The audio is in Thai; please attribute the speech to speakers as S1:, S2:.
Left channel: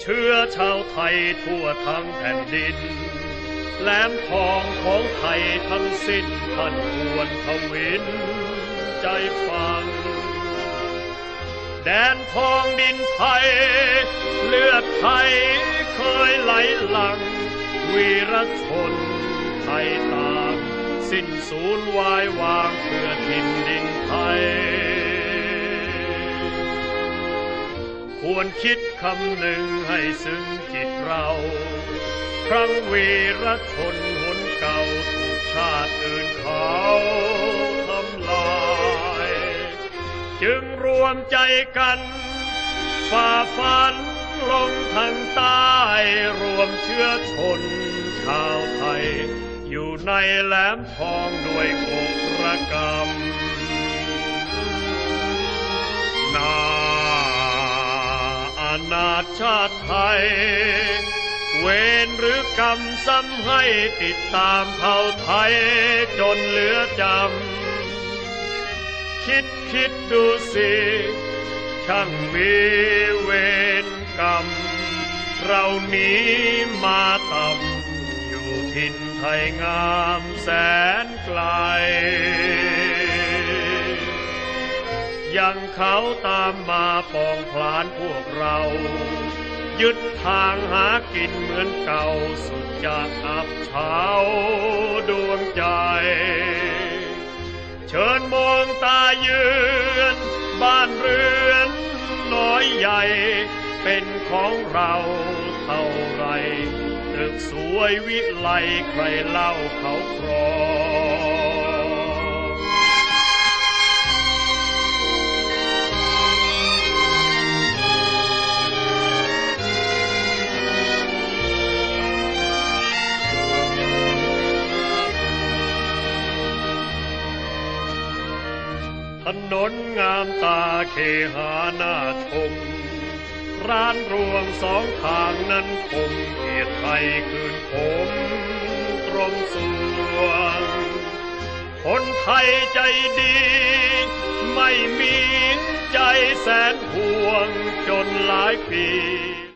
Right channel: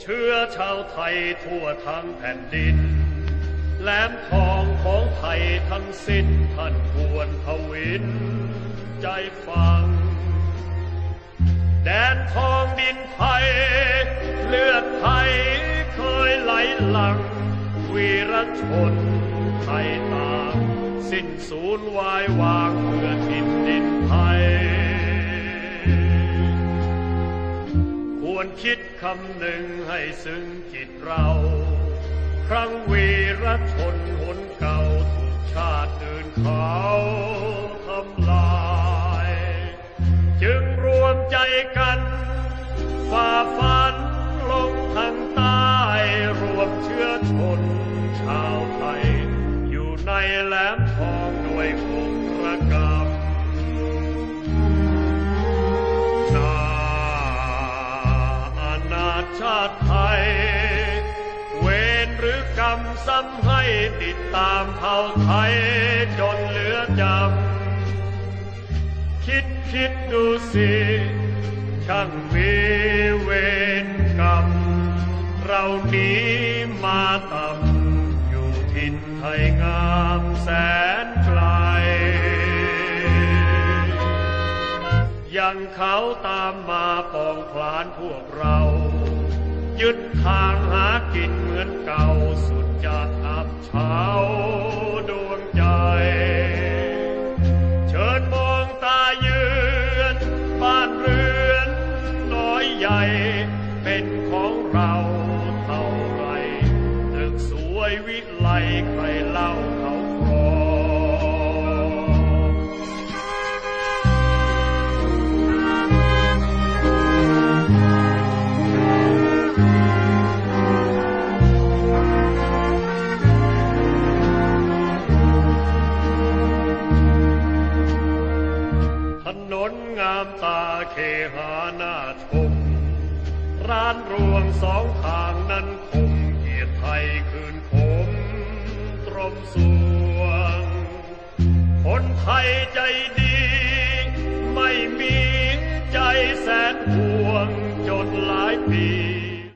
S1: เชื้อชาวไทยทั่วทั้งแผ่นดิน แหลมทองของไทยทั้งสิ้นท่านควรทวิน ใจฟัง แดนทองดินไทย เลือดไทยเคยไหลหลัง วีรชนไทยต่ามสิ้นสูญวายวางเพื่อ ควรคิดคำหนึ่งให้ซึ้งจิตเรา ครั้งวีรชนหนเก่าถูกชาติอื่นเขาทำลาย จึงรวมใจกันฝ่าฟันลงทางใต้รวมเชื้อชนชาวไทย อยู่ในแหลมทองด้วยอกระกำนาาณาชาติไทย เวรหรือกรรมซ้ำให้ติดตามเผ่าไทยจนเหลือจำ คิดคิดดูสิ ช่างมีเวรกรรม เรานี้มาต่ำอยู่ทินไทยงามแสนไกลยังเขาตามมาปองพลานพวกเรา ยึดทางหากินเหมือนเก่าสุดจะอับเฉาดวงใจ เชิญมองตาเยือนบ้านเรือนน้อยใหญ่ เป็นของเราเท่าไรตึกสวยวิไลใครเล่าเขาครอง ถนนงามตาเคหาหน้าชม ร้านรวงสองทางนั้นคมเกียรติไทยคืนผมตรงสวง คนไทยใจดี ไม่มีใจแสนห่วงจนหลายปี